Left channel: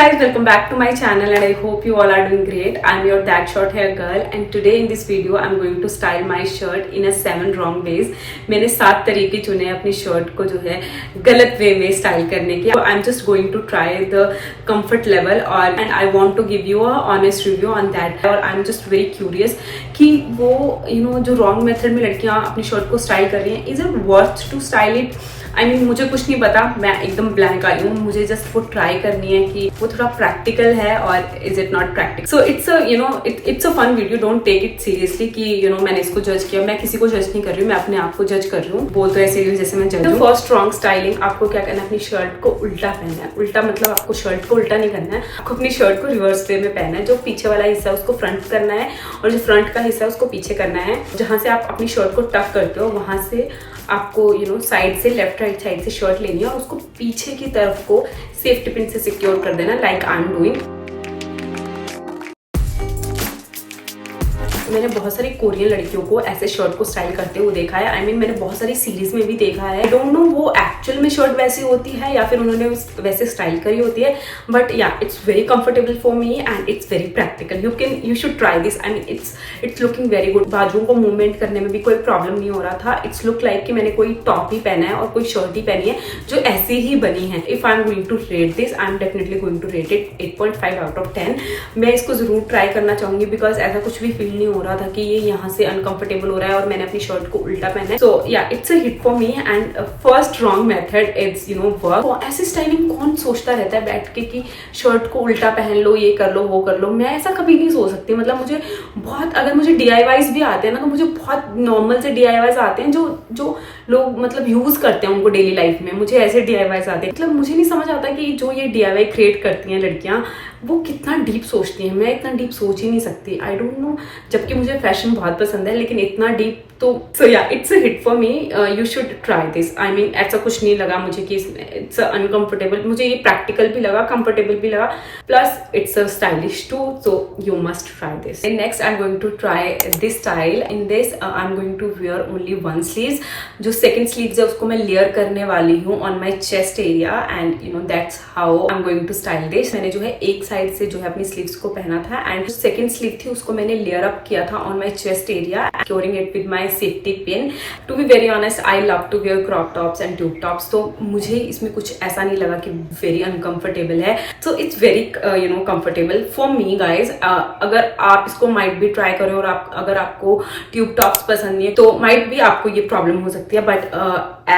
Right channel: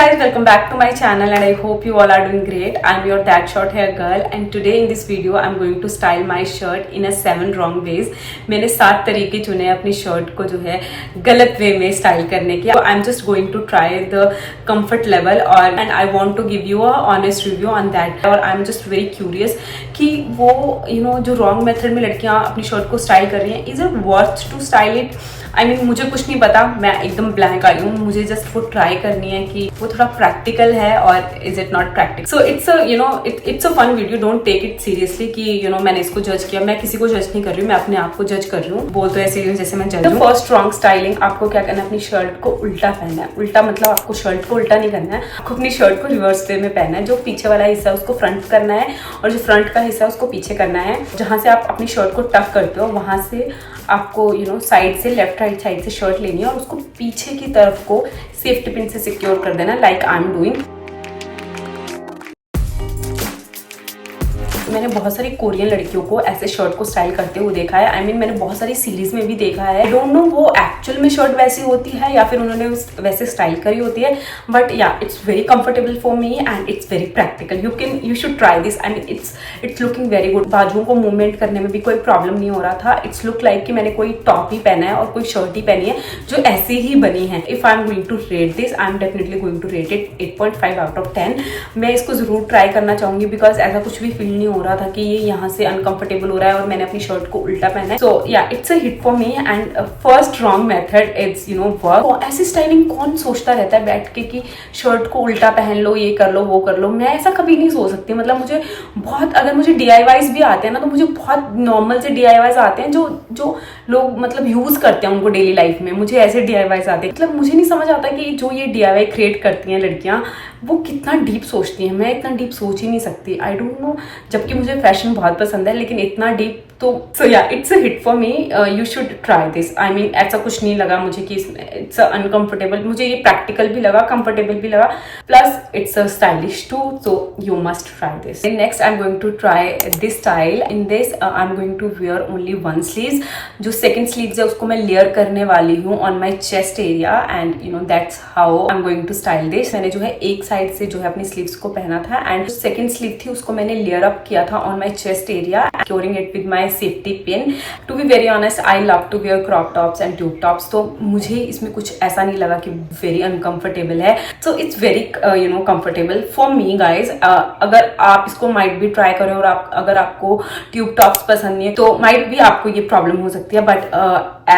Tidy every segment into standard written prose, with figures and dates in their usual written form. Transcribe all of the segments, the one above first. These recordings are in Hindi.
guys, welcome back to my channel and I hope you all are doing great. I'm your that short hair girl and today in this video I'm going to style my shirt in a 7 wrong ways. मैंने 7 तरीके चुने अपनी शर्ट को जो है गलत वे में स्टाइल करने के. I'm just going to try the comfort level और and I want to give you a honest review on that. और I'm just very curious कि वो जो wrong method में लड़कियाँ अपनी शर्ट को स्टाइल कर रही हैं, is it worth to style it? I mean, मुझे कुछ नहीं पता, मैं एकदम ब्लैंक आई हूँ. मुझे जस्ट वो ट्राई करनी है कि वो थोड़ा प्रैक्टिकल है और is it not practical. So it's a fun video. Don't take it seriously कि मैंने इसको जज किया. मैं किसी को जज नहीं कर रही हूँ, मैं अपने आप को जज कर रही हूँ. बोल तो ऐसे ही जैसे मैं जज हूँ. फर्स्ट रॉन्ग स्टाइलिंग, आपको क्या करना है, अपनी शर्ट को उल्टा पहनना है. उल्टा मतलब आपको शर्ट को उल्टा नहीं करना है, आपको अपनी शर्ट को रिवर्स वे में पहनना है. जो पीछे वाला हिस्सा है उसको फ्रंट करना है और जो फ्रंट का हिस्सा है उसको पीछे करना है. जहाँ से आप अपनी शर्ट को टक करते हो वहां से आपको साइड से लेफ्ट राइट साइड से शर्ट लेनी है और उसको पीछे की तरफ को सेफ्टी पिन से सिक्योर कर देना, लाइक आई एम डूइंग. मैंने बहुत सारी कोरियन लड़कियों को ऐसे शर्ट को स्टाइल करते हुए देखा है. आई मीन मैंने बहुत सारी सीरीज में भी देखा है. आई डोंट नो वो एक्चुअल में शर्ट वैसी होती है या फिर उन्होंने वैसे स्टाइल करी होती है, but yeah it's very comfortable for me and it's very practical. You should try this. I mean it's looking very good. बाजुओं को मूवमेंट करने में भी कोई प्रॉब्लम नहीं हो रहा था. इट्स लुक लाइक कि मैंने कोई टॉप ही पहना है और कोई शर्ट ही पहनी है जो ऐसी ही बनी है. If I am going to rate this, I am definitely going to rate it 8.5 out of 10. मैं इसको जरूर ट्राई करना चाहूंगी बिकॉज ऐसा कुछ भी फील नहीं हो रहा था कि ये यहाँ से अनकंफर्टेबल हो रहा है और मैंने अपनी शर्ट को उल्टा पहना है. सो या it's a hit for me and first wrong method is work. ऐसी स्टाइलिंग कौन सोचता रहता है बैठ के कि शर्ट को उल्टा पहन लो, ये कर लो, वो कर लो. मैं ऐसा कभी नहीं सोच सकती. मतलब मुझे बहुत, अगर मुझे DIYs भी आते हैं ना तो मुझे बहुत नॉर्मल से DIYs आते हैं जो लोग मतलब यूज करते हैं उनको डेली लाइफ में. मुझे ऐसे DIYs आते हैं. मतलब मुझे नहीं समझ आता कि जो ये DIY क्रिएट करती हैं लड़कियां वो कितना डीप सोचती हैं. मैं इतना डीप सोच ही नहीं सकती. आई डोंट नो. जबकि मुझे फैशन बहुत पसंद है लेकिन इतना डीप तो सो या it's a hit for me. You should try this. I mean ऐसा कुछ नहीं लगा मुझे कि इट्स अनकंफर्टेबल. मुझे ये प्रैक्टिकल भी लगा, कंफर्टेबल भी लगा, plus it's a stylish too. So you must try this. Next I am going to try this style. In this I am going to wear only one sleeve. जो सेकेंड स्लीव है उसको मैं लेयर करने वाली हूँ on my chest area and that's how I am going to style this. मैंने जो है एक साइड से जो है अपनी स्लीव्स को पहना था एंड जो सेकेंड स्लीव थी उसको मैंने लेयर अप किया था on my chest area, securing it with my safety pin. To be very honest, I love to wear crop tops and tube tops. तो मुझे इसमें कुछ ऐसा नहीं लगा कि very uncomfortable है. So it's very comfortable for me guys. अगर आप इसको might भी try करें और अगर आपको tube tops पसंद नहीं है तो might भी आपको ये प्रॉब्लम हो सकती है. But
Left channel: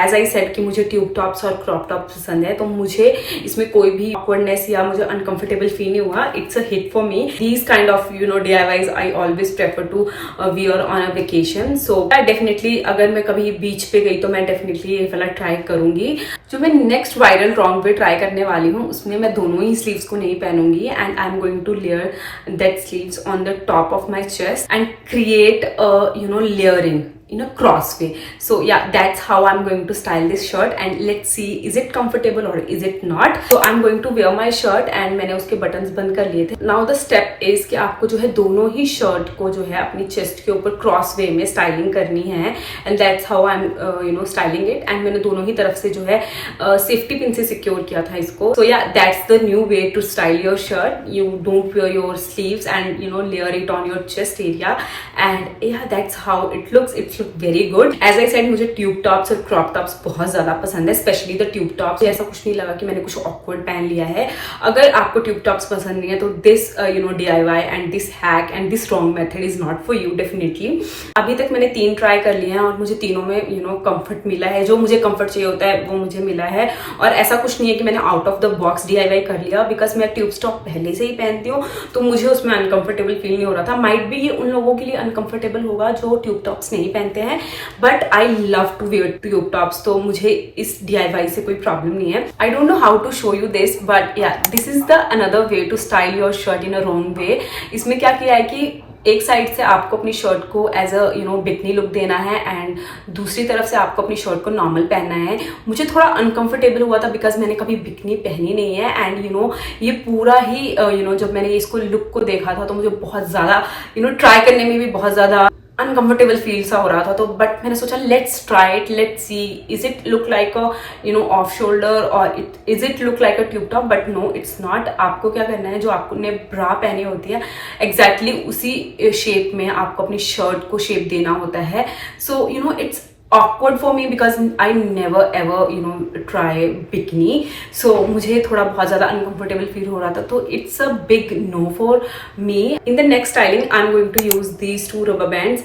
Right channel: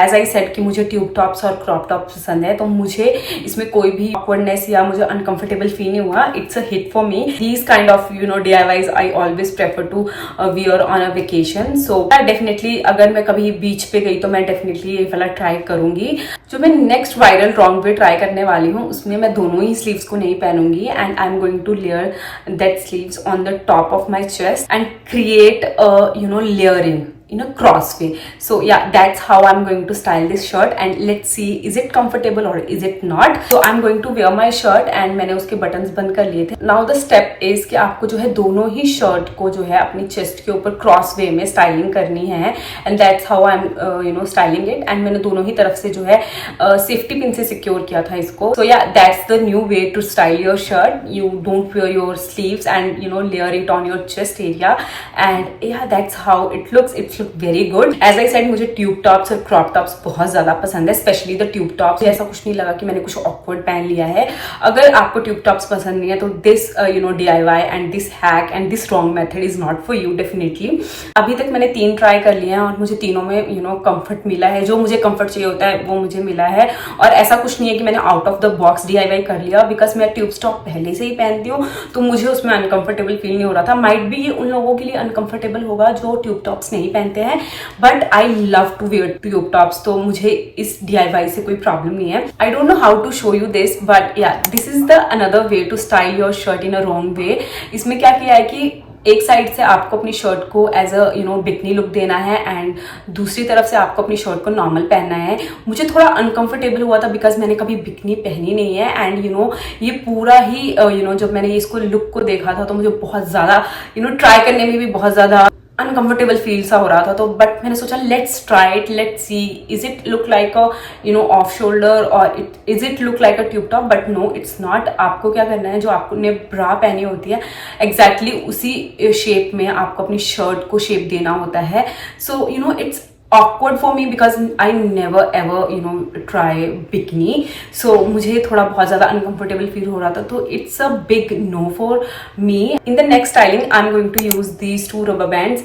as I said कि मुझे tube tops और crop tops पसंद है तो मुझे इसमें कोई भी awkwardness या मुझे uncomfortable feel नहीं हुआ. It's a hit for me. These kind of DIYs I always prefer to wear on a vacation. So definitely अगर मैं कभी बीच पे गई तो मैं डेफिनेटली ये वाला ट्राई करूंगी. जो मैं next viral wrong way try करने वाली हूँ उसमें मैं दोनों ही स्लीव्स को नहीं पहनूंगी and I am going to layer that sleeves on the top of my chest and create layering in a cross way. So yeah, that's how I'm going to style this shirt and let's see is it comfortable or is it not. So I'm going to wear my shirt and मैंने उसके बटन्स बंद कर लिए थे. Now the step is कि आपको जो है दोनों ही शर्ट को जो है अपनी चेस्ट के ऊपर क्रॉस वे में स्टाइलिंग करनी है and that's how I'm styling it. and मैंने दोनों ही तरफ से जो है सेफ्टी पिन से सिक्योर किया था इसको. So yeah, that's the new way to style your shirt. You don't wear your sleeves and layer it on your chest area and yeah, that's how it looks. It's very good. As I said मुझे ट्यूब टॉप्स और क्रॉप टॉप्स बहुत ज्यादा पसंद है, स्पेशली द ट्यूब टॉप्स. ऐसा कुछ नहीं लगा कि मैंने कुछ ऑकवर्ड पहन लिया है. अगर आपको ट्यूब टॉप्स पसंद नहीं है तो this DIY and this hack and this wrong method is not for you definitely. अभी तक मैंने 3 ट्राई कर लिए हैं और मुझे तीनों में कंफर्ट मिला है. जो मुझे कंफर्ट चाहिए होता है वो मुझे मिला है और ऐसा कुछ नहीं है कि मैंने out of the box DIY कर लिया बिकॉज मैं ट्यूब टॉप पहले से ही पहनती हूँ तो मुझे उसमें अनकंफर्टेबल फील नहीं हो रहा था. माइट भी ये उन लोगों के लिए अनकंफर्टेबल होगा जो ट्यूब टॉप्स नहीं पहनते हैं, but I love to wear tube tops. तो मुझे इस DIY से कोई प्रॉब्लम नहीं है. I don't know how to show you this but yeah this is the another way to style your shirt in a wrong way. इसमें क्या किया है कि एक साइड से आपको अपनी शर्ट को एज अ बिकनी लुक देना है एंड दूसरी तरफ से आपको अपनी शर्ट को नॉर्मल पहनना है. मुझे थोड़ा अनकंफर्टेबल हुआ था बिकॉज मैंने कभी बिकनी पहनी नहीं है एंड ये पूरा ही जब मैंने इसको लुक को देखा था तो मुझे बहुत ज्यादा ट्राई करने में भी बहुत ज्यादा अनकंफर्टेबल फील सा हो रहा था, तो बट मैंने सोचा let's try it, let's see is it look like a off shoulder और is it look like a tube top, but no it's not. आपको क्या करना है, जो आपने ब्रा पहनी होती है एग्जैक्टली उसी शेप में आपको अपनी शर्ट को शेप देना होता है। So it's awkward for me because I never ever try bikini, so मुझे थोड़ा बहुत ज़्यादा uncomfortable feel हो रहा था, तो it's a big no for me. In the next styling I'm going to use these two rubber bands.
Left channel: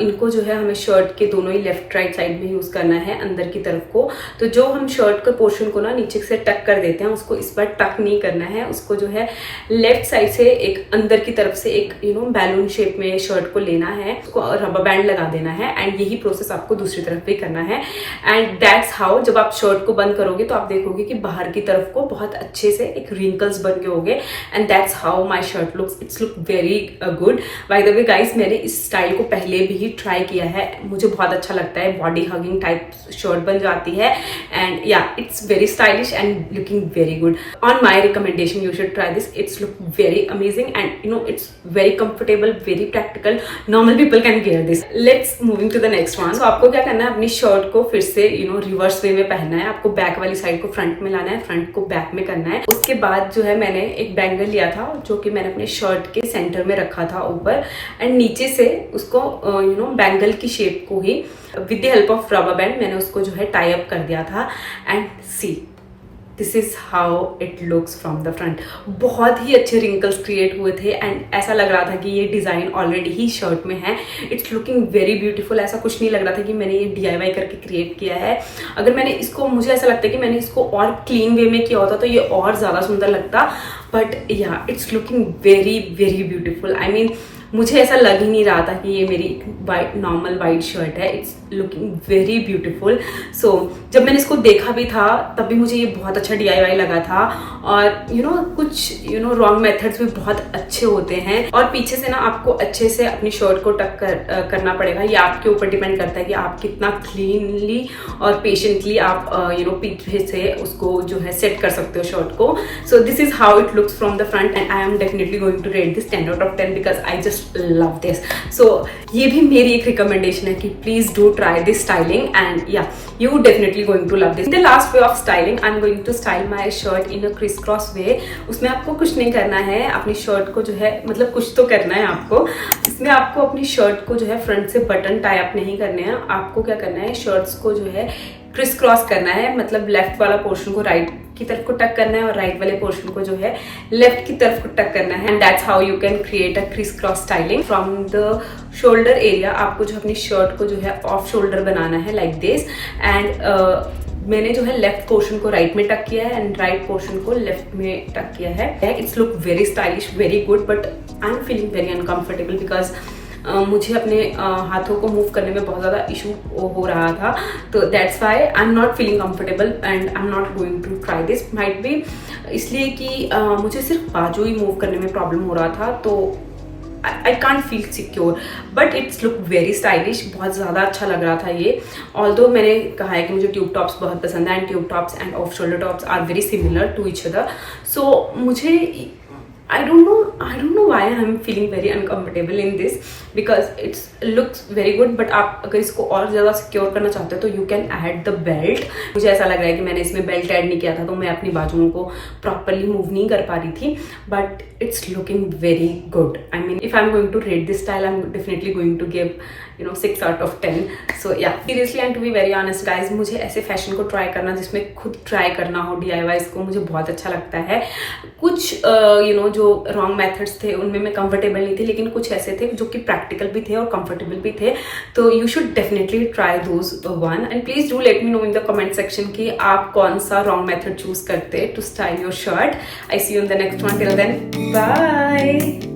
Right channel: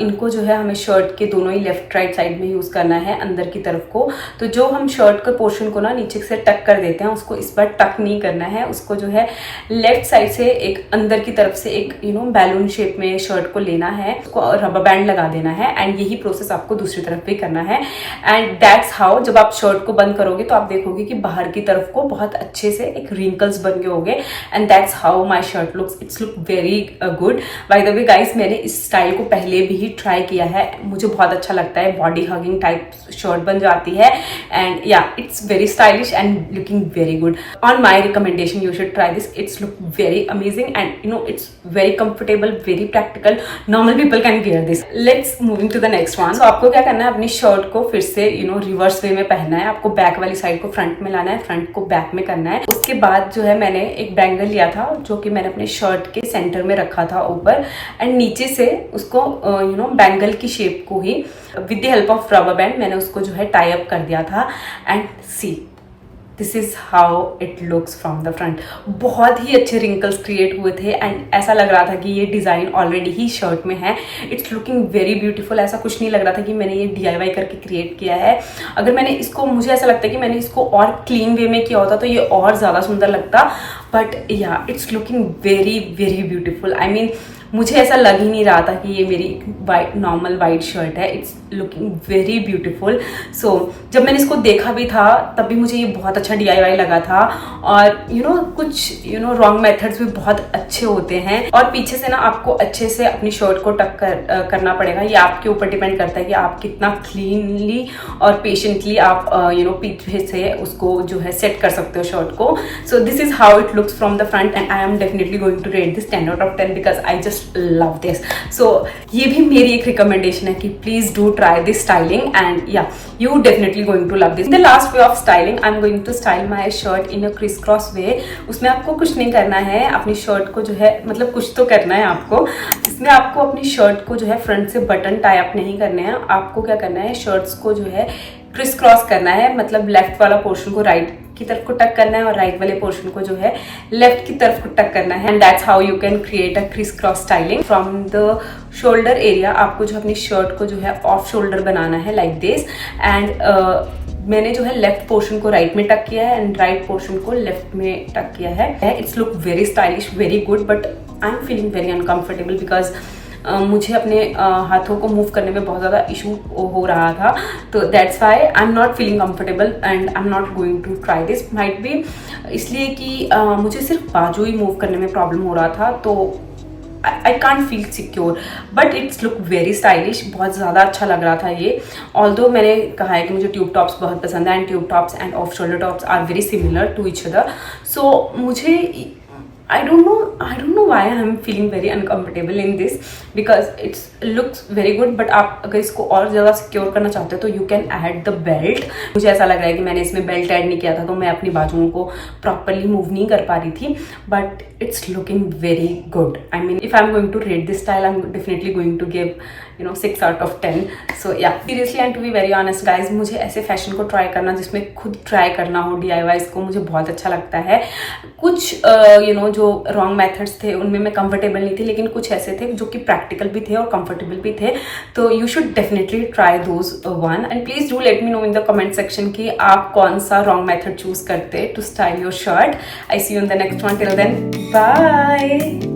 इनको जो है हमें शर्ट के दोनों ही लेफ्ट राइट साइड में यूज़ करना है अंदर की तरफ को। तो जो हम शर्ट का पोर्शन को ना नीचे से टक कर देते हैं, उसको इस बार टक नहीं करना है, उसको जो है लेफ्ट साइड से एक अंदर की तरफ से एक बैलून शेप में शर्ट को लेना है, उसको रबर बैंड लगा देना है, एंड यही प्रोसेस आपको दूसरी तरफ भी करना है। एंड दैट्स हाउ जब आप शर्ट को बंद करोगे तो आप देखोगे कि बाहर की तरफ को बहुत अच्छे से एक रिंकल्स बन गए होंगे, and that's how my shirt looks. It's look very good. By the way guys, मैंने इस स्टाइल को पहले भी ट्राई किया है, मुझे बहुत अच्छा लगता है, बॉडी हगिंग टाइप शर्ट बन जाती है, and yeah it's very stylish and looking very good. On my recommendation you should try this, it's look very amazing and it's very comfortable, very practical, normal people can wear this. Let's moving to the next one. So आपको क्या करना है, अपनी शर्ट को फिर से रिवर्स वे में पहनना है। आपको बैक वाली साइड को फ्रंट में लाना है, फ्रंट को बैक में करना है। उसके बाद जो है मैंने एक बैंगल लिया था जो कि मैंने अपने शर्ट के सेंटर में रखा था ऊपर, एंड नीचे से उसको बैंगल की शेप को ही with the help of rubber band मैंने उसको जो है टाई अप कर दिया था, and see this is how it looks from the front. बहुत ही अच्छे रिंकल्स क्रिएट हुए थे, एंड ऐसा लग रहा था कि ये डिजाइन ऑलरेडी ही शर्ट में है। It's looking very beautiful. ऐसा कुछ नहीं लग रहा था कि मैंने ये DIY करके क्रिएट किया है। अगर मैंने इसको, मुझे ऐसा लगता है कि मैंने इसको और क्लीन वे में किया होता तो ये और ज्यादा सुंदर लगता, but yeah it's looking very very beautiful. I mean मुझे ऐसा लग ही नहीं रहा था कि ये मेरी नॉर्मल वाइट शर्ट है। It's looking very beautiful. So जब मैंने इसको देखा भी था तब भी मुझे ये बहुत अच्छा DIY लगा था, और कुछ रॉन्ग मेथड्स भी बहुत अच्छे होते हैं, और पीछे से ना आपको अच्छे से अपनी शर्ट को टक करना पड़ेगा। ये आपके ऊपर डिपेंड करता है कि आप कितना क्लीनली और पेशेंटली आप पीछे से उसको जो है सेट कर सकते हो शर्ट को। So this is how it looks from the front, and I am definitely going to rate this 10 out of 10 because I just love this. So ये भी मेरी एक रिकमेंडेशन है कि please do try this styling, and yeah you definitely going to love this. The last way of styling I am going to style my shirt in a criss cross way. उसमें आपको कुछ नहीं करना है, अपनी शर्ट को जो है मतलब कुछ तो करना है आपको। इसमें आपको अपनी शर्ट को जो है फ्रंट से बटन टाई अप नहीं करने हैं। आपको क्या करना है, शर्ट्स को जो है क्रिस क्रॉस करना है, मतलब लेफ्ट वाला पोर्शन को राइट की तरफ को टक करना है और राइट वाले पोर्शन को जो है लेफ्ट की तरफ को टक करना है, and that's how you can create a criss cross styling. From the shoulder area आपको जो अपनी शर्ट को जो है ऑफ शोल्डर बनाना है लाइक दिस, एंड मैंने जो है लेफ्ट पोर्शन को राइट में टक किया है एंड राइट पोर्शन को लेफ्ट में टक किया है। It's look very stylish, very good, but I am feeling very uncomfortable because मुझे अपने हाथों को मूव करने में बहुत ज़्यादा इशू हो रहा था, तो that's why I am not feeling comfortable and I am not going to try this. Might be इसलिए कि मुझे सिर्फ बाजू ही मूव करने में प्रॉब्लम हो रहा था, तो I can't feel secure, but it's look very stylish. बहुत ज़्यादा अच्छा लग रहा था ये। ऑल्दो मैंने कहा है कि मुझे ट्यूब टॉप्स बहुत पसंद है, and tube tops and off shoulder tops are very similar to each other, so मुझे I don't know why I'm feeling very uncomfortable in this because it looks very good, but आप अगर इसको और ज़्यादा सिक्योर करना चाहते हो तो you can add the belt। मुझे ऐसा लग रहा है कि मैंने इसमें बेल्ट ऐड नहीं किया था तो मैं अपनी बाजुओं को प्रॉपरली मूव नहीं कर पा रही थी, but it's looking very good. I mean, if I'm going to rate this style, I'm definitely going to give 6 out of 10. So yeah, seriously and to be very honest guys, मुझे ऐसे फैशन को ट्राई करना जिसमें खुद ट्राई करना हो DIYs को मुझे बहुत अच्छा लगता है। कुछ जो रॉन्ग मेथड्स थे उनमें मैं कंफर्टेबल नहीं थी, लेकिन कुछ ऐसे थे जो कि प्रैक्टिकल भी थे और कंफर्टेबल भी थे, तो you should definitely try those one, and please do let me know in the comment section कि आप कौन सा रॉन्ग मेथड चूज करते to style your shirt. I see you in the next one, till then bye.